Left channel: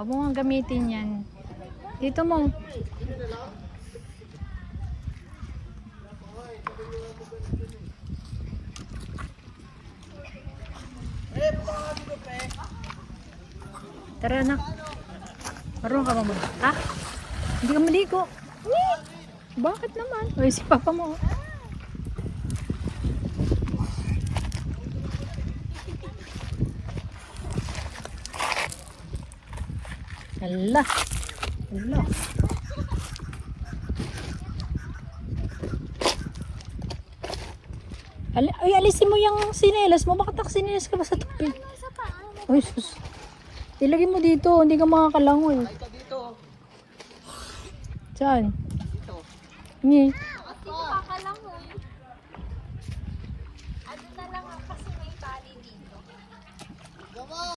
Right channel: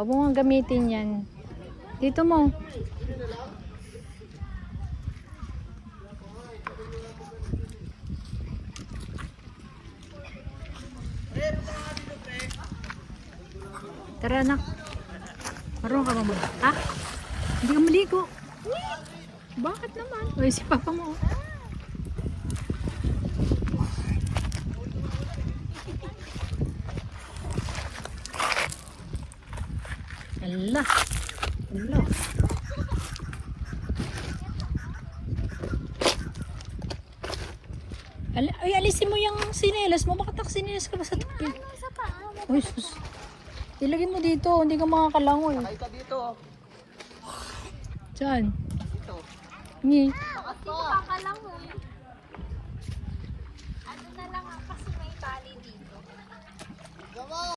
Huwag mo nga gamitin yan. Dito mo. Tara na. Marunong ka naman. Ha? Hindi ka maligo. Bakit naman? Uy, si papa mo. Allah. Allah. Ay, alisin mo yung sinelas mo. Bakit nakasinelas ka ba sa tupi? Uy, sus. Ilagay mo dito. Hindi ka makakalangoy. Sakay ka dito. Saan? Dito. Hindi. Makakalangoy. Ano na lang kasi may tali dito.